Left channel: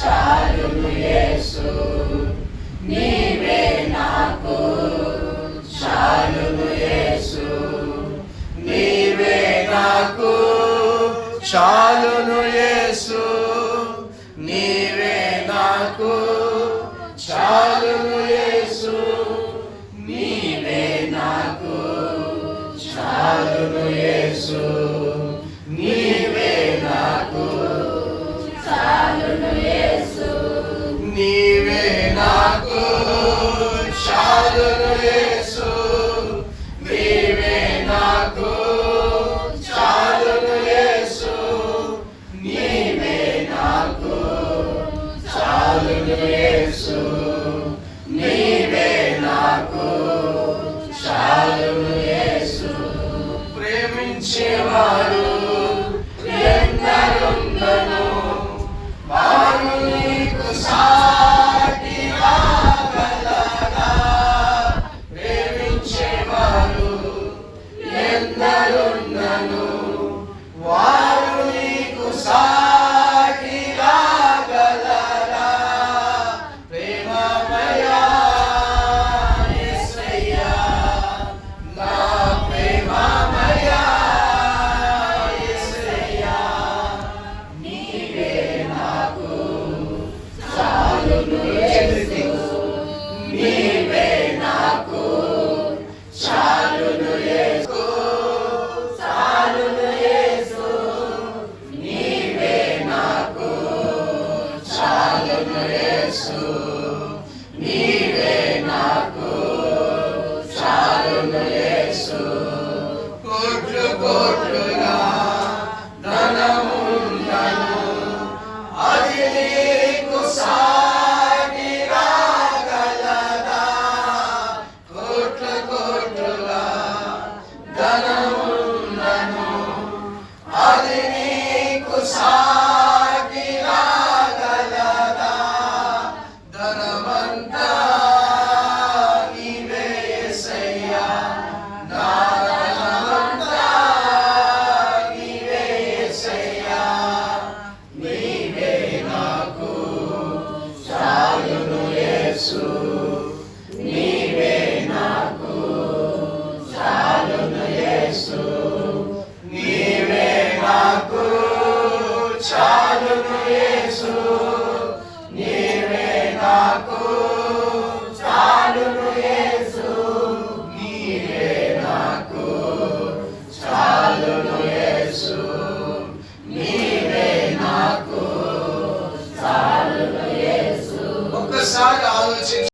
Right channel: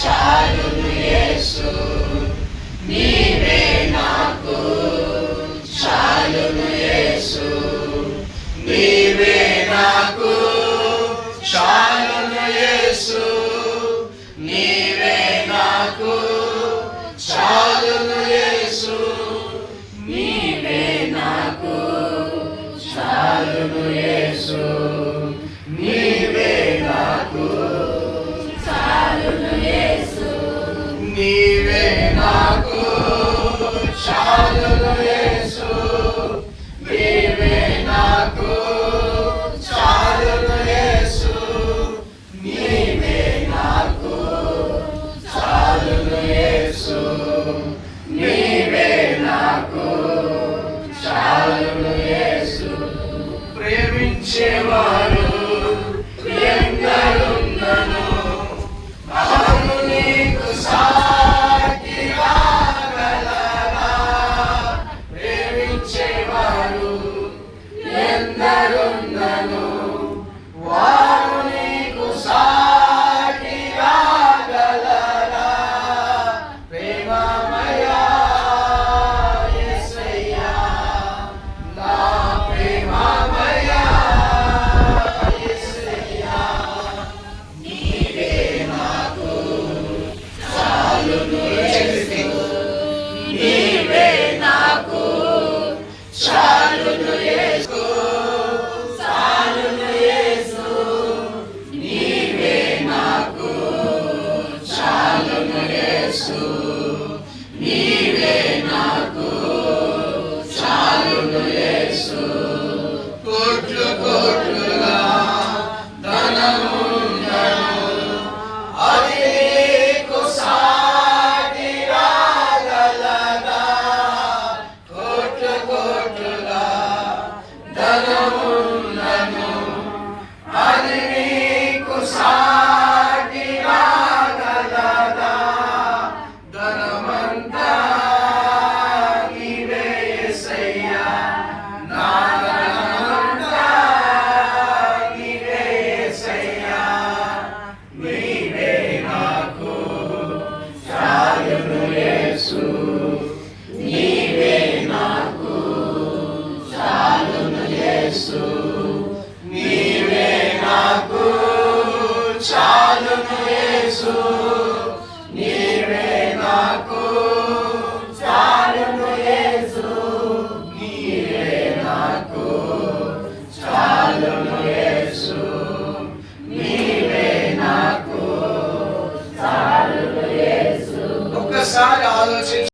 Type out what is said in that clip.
చాలును యేసు నీవే నాకు చాలును యేసు నీవే నాకు చాలును యేసు నీవే నాకు చాలును యేసు నీవే నాకు చాలును యేసు నీవే నాకు చాలును యేసు నీవే నాకు చాలును యేసు నీవే నాకు చాలును యేసు నీవే నాకు చాలును యేసు నీవే నాకు చాలును యేసు ప్రేమించేవారు ఎందరున్నను వారు నీకు సాటిగా గలరా ప్రేమించేవారు ఎందరున్నను వారు నీకు సాటిగా గలరా ప్రేమమయా యేసయ్యా నా ప్రేమమయా యేసయ్యా నీవే నాకు చాలును యేసు నీవే నాకు చాలును యేసు చాలును యేసు నీవే నాకు చాలును యేసు నీవే నాకు చాలును యేసు కోట్లు కోట్లుగా ధనముందను అది నీకు సాటిగా గలదా కోట్లు కోట్లుగా ధనముందను అది నీకు సాటిగా గలదా ధనమంతా నీవే యేసయ్యా నా ధనమంతా నీవే యేసయ్యా నీవే నాకు చాలును యేసు నీవే నాకు చాలును యేసు నీవే నాకు చాలును యేసు నీవే నాకు చాలును యేసు నీవే నాకు చాలును యేసు నీవే నాకు చాలును యేసు ఒక్కసారి ఆలోచించ